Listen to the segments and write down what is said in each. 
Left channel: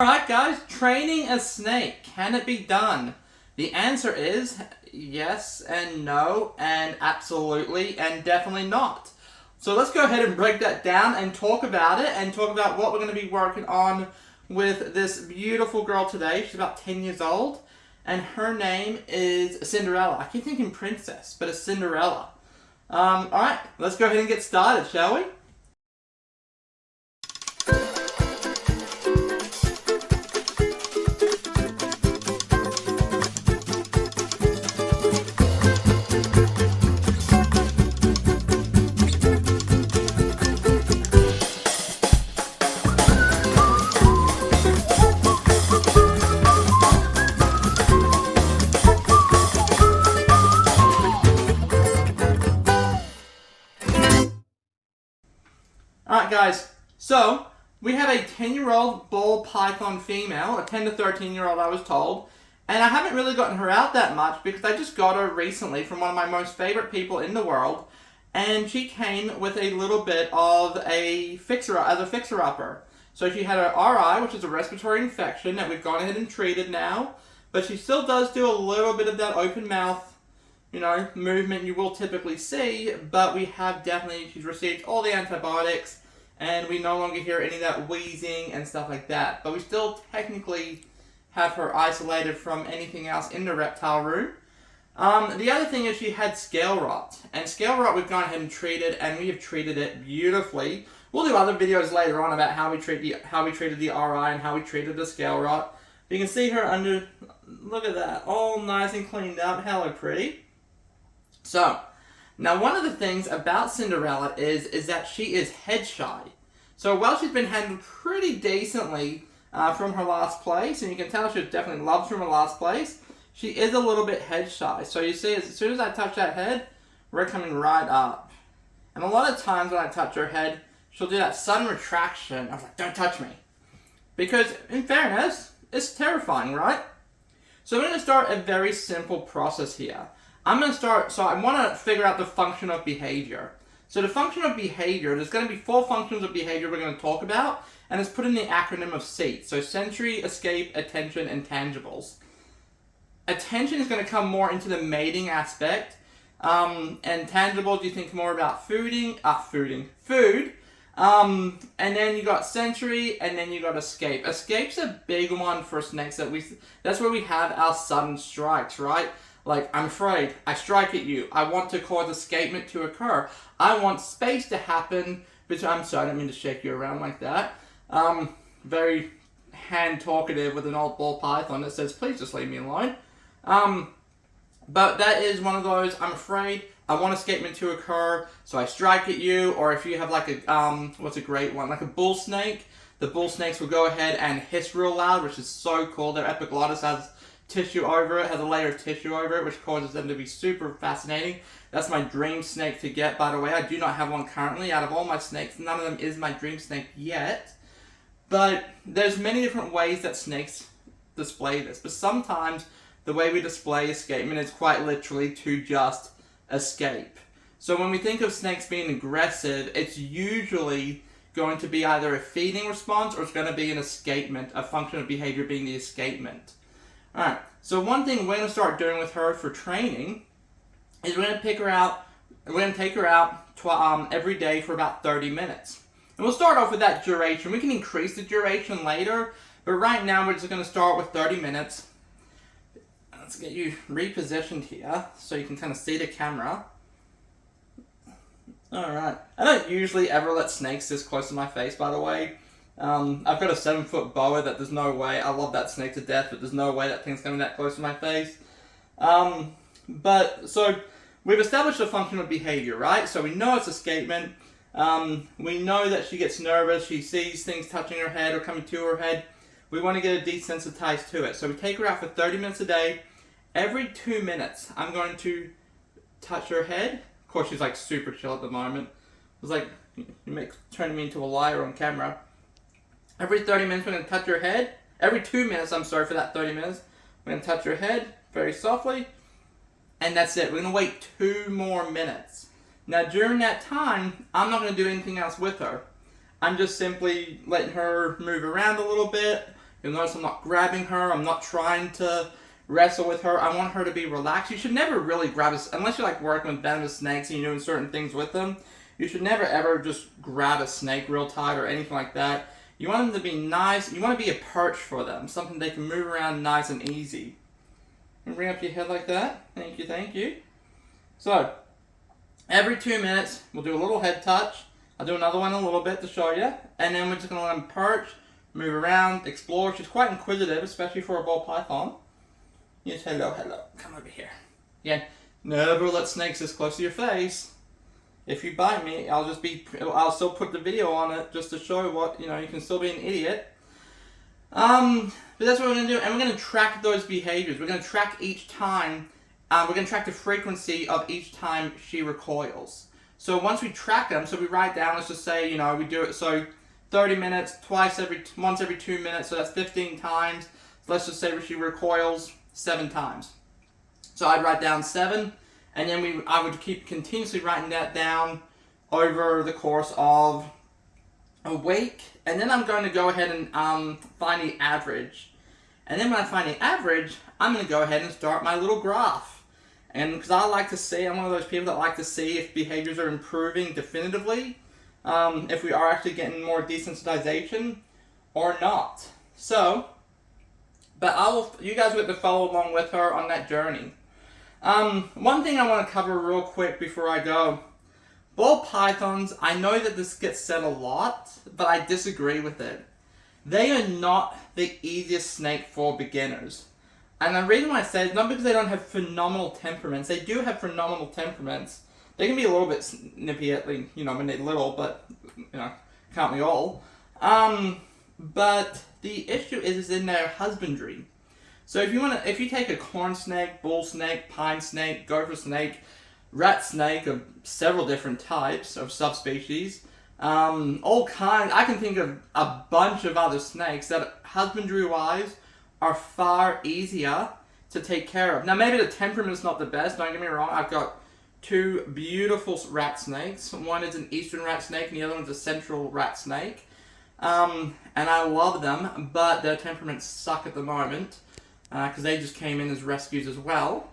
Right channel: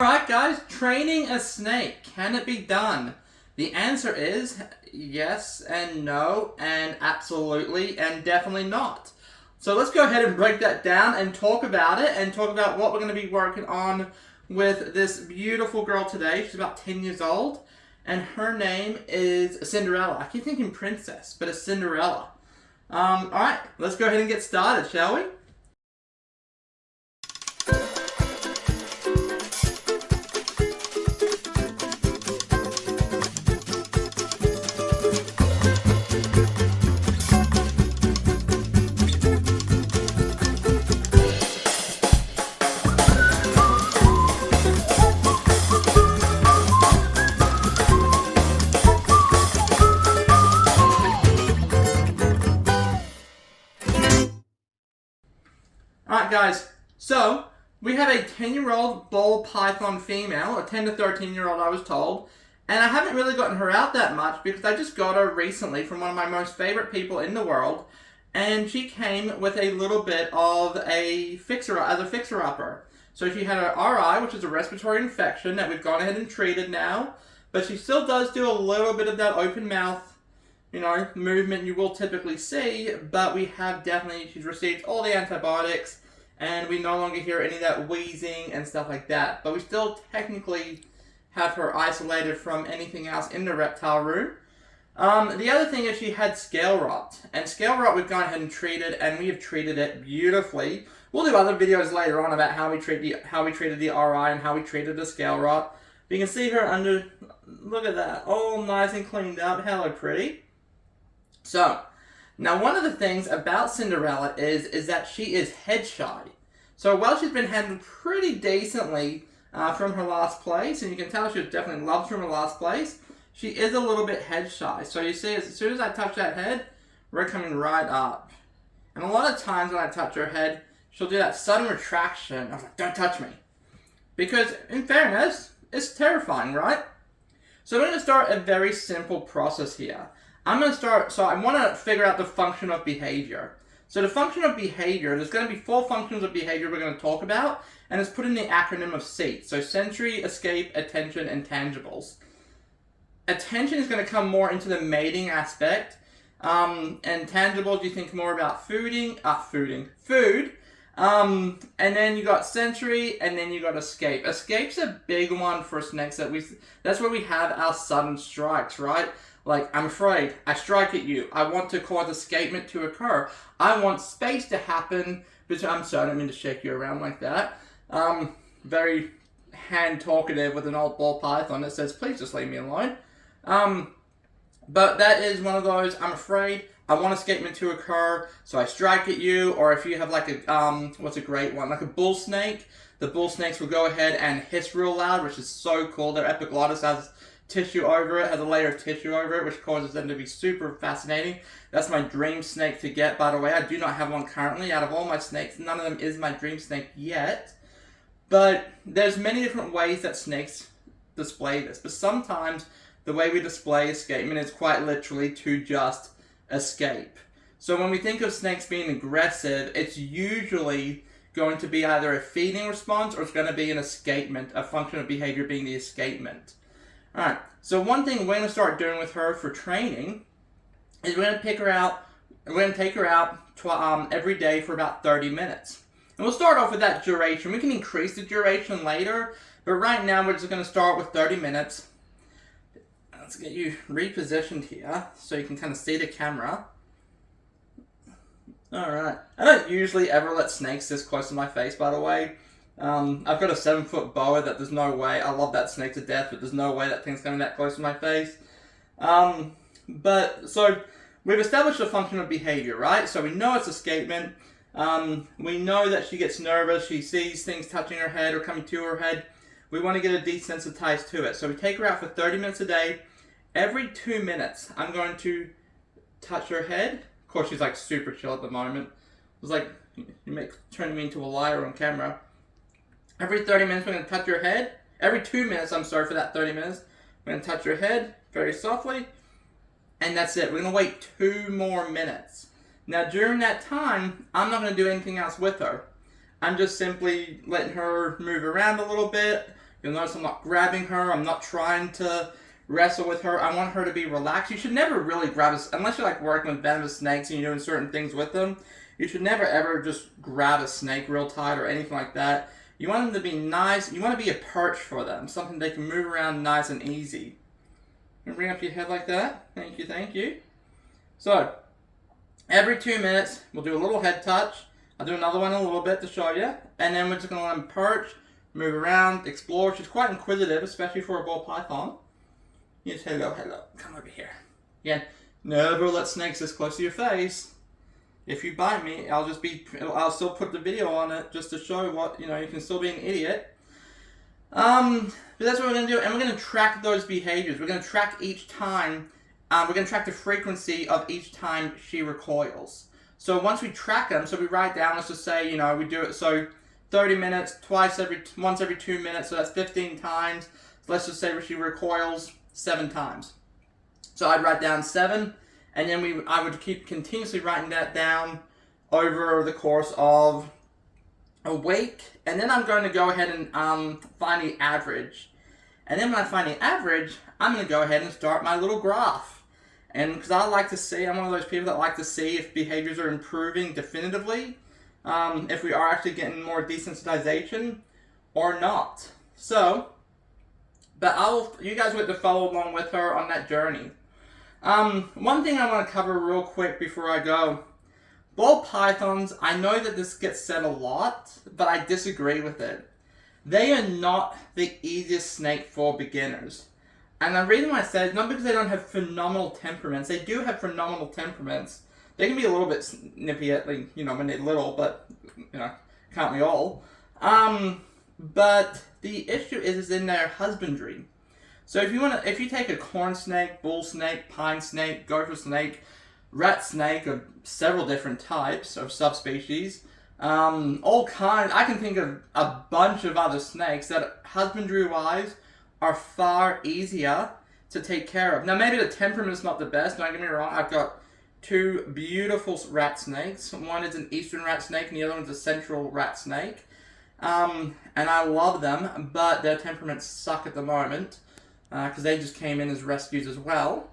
Alright guys, training a snake, can it be done? The answer is yes and no and absolutely and definitely not. So let's go ahead and break that down and talk about it and talk about what we're going to be working on with this beautiful girl today. She's about 10 years old and her name is Cinderella. I keep thinking princess, but it's Cinderella. Alright, let's go ahead and get started, shall we? Alright guys, so we have a 10-year-old ball python female, a 10 to 13-year-old I was told, and I haven't really gotten her out that much because I just got her recently from one of my most favorite people in the world, and she came with a little bit of a fixer-upper. So she had an RI, which is a respiratory infection that we've gone ahead and treated now, but she still does do a little bit of that open mouth movement you will typically see, but she's received all the antibiotics, and we no longer hear any of that wheezing and stuff like that. But we still technically have her isolated from anything else in the reptile room. The other thing is she had scale rot, and scale rot we've gone ahead and treated, and we have treated it beautifully. We'll do other videos later on about how we treated the RI and how we treated the scale rot. You can see her under, look at that, all nice and cleaned up. Hello, pretty. So, now one of the things about Cinderella is that she is head shy. So while she's been handled pretty decently from her last place, and you can tell she was definitely loved from her last place, she is a little bit head shy. So you see, as soon as I touch that head, we're coming right up. And a lot of times when I touch her head, she'll do that sudden retraction. I'm like, don't touch me. Because, in fairness, it's terrifying, right? So we're going to start a very simple process here. I want to figure out the function of behavior. So the function of behavior, there's going to be 4 functions of behavior we're going to talk about, and it's put in the acronym of SEAT. So sensory, escape, attention, and tangibles. Attention is going to come more into the mating aspect, and tangibles you think more about food, and then you got sensory, and then you got escape. Escape's a big one for snakes that's where we have our sudden strikes, right? Like, I'm afraid, I strike at you, I want to cause escapement to occur, I want space to happen, but I'm sorry, I don't mean to shake you around like that. Very hand talkative with an old ball python that says, please just leave me alone. But that is one of those, I'm afraid, I want escapement to occur, so I strike at you, or if you have like what's a great one, like a bull snake, the bull snakes will go ahead and hiss real loud, which is so cool. Their epiglottis has tissue over it, has a layer of tissue over it, which causes them to be super fascinating. That's my dream snake to get, by the way. I do not have one currently. Out of all my snakes, none of them is my dream snake yet. But there's many different ways that snakes display this. But sometimes the way we display escapement is quite literally to just escape. So when we think of snakes being aggressive, it's usually going to be either a feeding response or it's going to be an escapement, a function of behavior being the escapement. Alright, so one thing we're going to start doing with her for training is we're going to take her out every day for about 30 minutes. And we'll start off with that duration. We can increase the duration later, but right now we're just going to start with 30 minutes. Let's get you repositioned here so you can kind of see the camera. Alright, I don't usually ever let snakes this close to my face, by the way. I've got a 7-foot boa that there's no way, I love that snake to death, but there's no way that thing's coming that close to my face. So we've established a function of behavior, right? So we know it's escapement. We know that she gets nervous, she sees things touching her head or coming to her head. We want to get her desensitized to it. So we take her out for 30 minutes a day. Every 2 minutes, I'm going to touch her head. Of course, she's like super chill at the moment. It's like, turning me into a liar on camera. Every 30 minutes, we're going to touch your head. Every 2 minutes, I'm sorry for that 30 minutes, we're going to touch your head very softly. And that's it. We're going to wait 2 more minutes. Now, during that time, I'm not going to do anything else with her. I'm just simply letting her move around a little bit, You'll notice I'm not grabbing her. I'm not trying to wrestle with her. I want her to be relaxed. You should never really grab a, unless you're like working with venomous snakes and you're doing certain things with them. You should never ever just grab a snake real tight or anything like that. You want them to be nice. You want to be a perch for them, something they can move around nice and easy. And bring up your head like that. Thank you, thank you. So, every 2 minutes, we'll do a little head touch. I'll do another one in a little bit to show you. And then we're just going to let them perch, move around, explore. She's quite inquisitive, especially for a ball python. Yes, hello, hello. Come over here. Again, never let snakes this close to your face. If you bite me, I'll still put the video on it just to show what, you can still be an idiot. But that's what we're going to do. And we're going to track those behaviors. We're going to track each time. We're going to track the frequency of each time she recoils. So once we track them, so we write down, let's just say, we do it, so 30 minutes, once every 2 minutes, so that's 15 times. So let's just say she recoils 7 times. So I'd write down 7, and then I would keep continuously writing that down over the course of a week. And then I'm going to go ahead and find the average. And then when I find the average, I'm going to go ahead and start my little graph. And because I like to see, I'm one of those people that like to see if behaviors are improving definitively, if we are actually getting more desensitization or not. So, but you guys will have to follow along with her on that journey. One thing I want to cover real quick before I go. Ball pythons, I know that this gets said a lot, but I disagree with it. They are not the easiest snake for beginners. And the reason why I say it is not because they don't have phenomenal temperaments. They do have phenomenal temperaments. They can be a little bit snippy when they're little, but, can't we all? But the issue is in their husbandry. So if you take a corn snake, bull snake, pine snake, gopher snake, rat snake of several different types of subspecies, all kinds, I can think of a bunch of other snakes that husbandry-wise are far easier to take care of. Now, maybe the temperament's not the best, don't get me wrong. I've got 2 beautiful rat snakes. One is an eastern rat snake, and the other one's a central rat snake. And I love them, but their temperaments suck at the moment, because they just came in as rescues as well.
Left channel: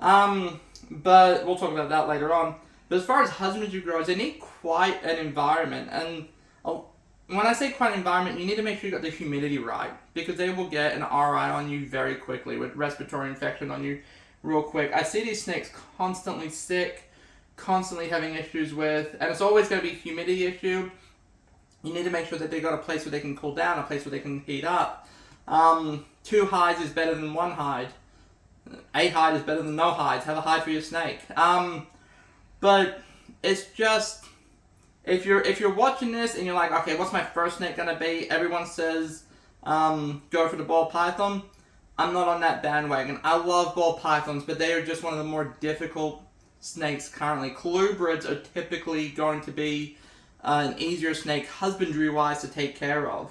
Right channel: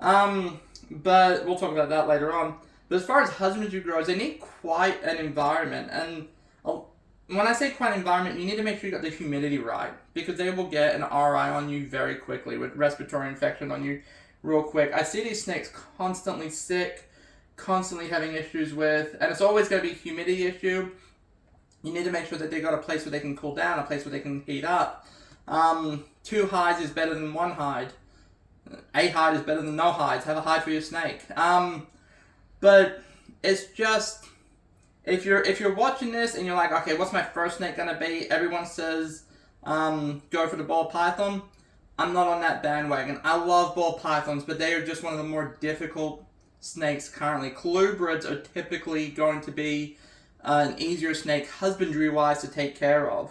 But we'll talk about that later on. But as far as husbandry goes, they need quite an environment. And when I say quite an environment, you need to make sure you got the humidity right, because they will get an RI on you very quickly with respiratory infection on you real quick. I see these snakes constantly sick, constantly having issues with, and it's always going to be a humidity issue. You need to make sure that they got a place where they can cool down, a place where they can heat up. 2 hides is better than 1 hide. A hide is better than no hides. Have a hide for your snake. But it's just, if you're watching this and you're like, okay, what's my first snake gonna be? Everyone says go for the ball python. I'm not on that bandwagon. I love ball pythons, but they are just one of the more difficult snakes currently. Colubrids are typically going to be an easier snake husbandry-wise to take care of.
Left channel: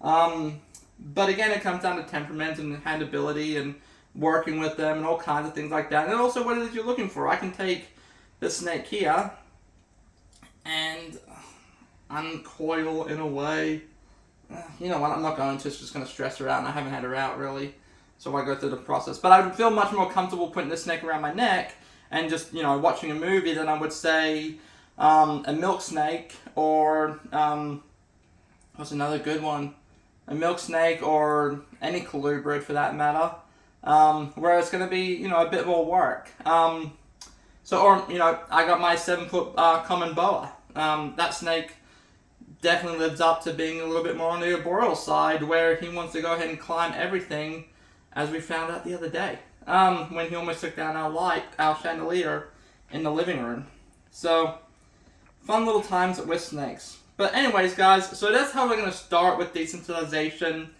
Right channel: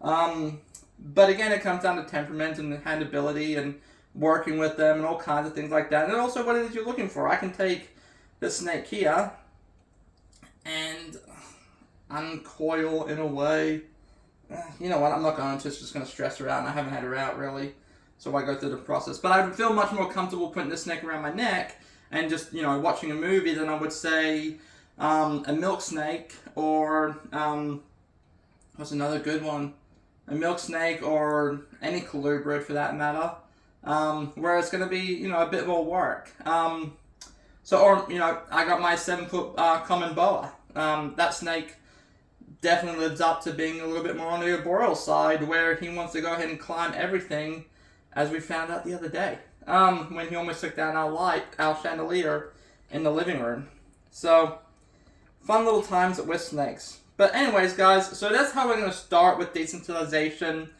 But again, it comes down to temperament and handability and working with them and all kinds of things like that. And also what it is you're looking for. I can take this snake here and uncoil in a way. You know what, I'm not going to. It's just going to stress her out, and I haven't had her out really. So I go through the process. But I would feel much more comfortable putting this snake around my neck and just, watching a movie than I would say a milk snake or, what's another good one? A milk snake or any colubrid for that matter. Where it's going to be, a bit more work. I got my 7-foot common boa. That snake definitely lives up to being a little bit more on the arboreal side, where he wants to go ahead and climb everything, as we found out the other day, when he almost took down our chandelier in the living room. So, fun little times with snakes. But anyways, guys, so that's how we're going to start with desensitization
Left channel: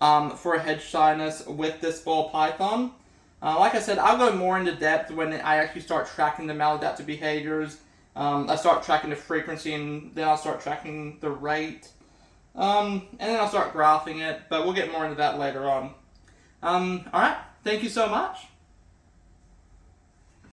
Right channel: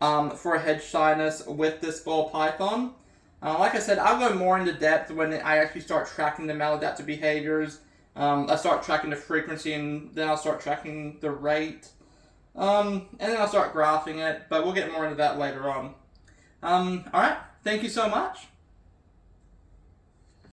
for head shyness with this ball python. Like I said, I'll go more into depth when I actually start tracking the maladaptive behaviors. I start tracking the frequency, and then I'll start tracking the rate. And then I'll start graphing it, but we'll get more into that later on. Alright, thank you so much.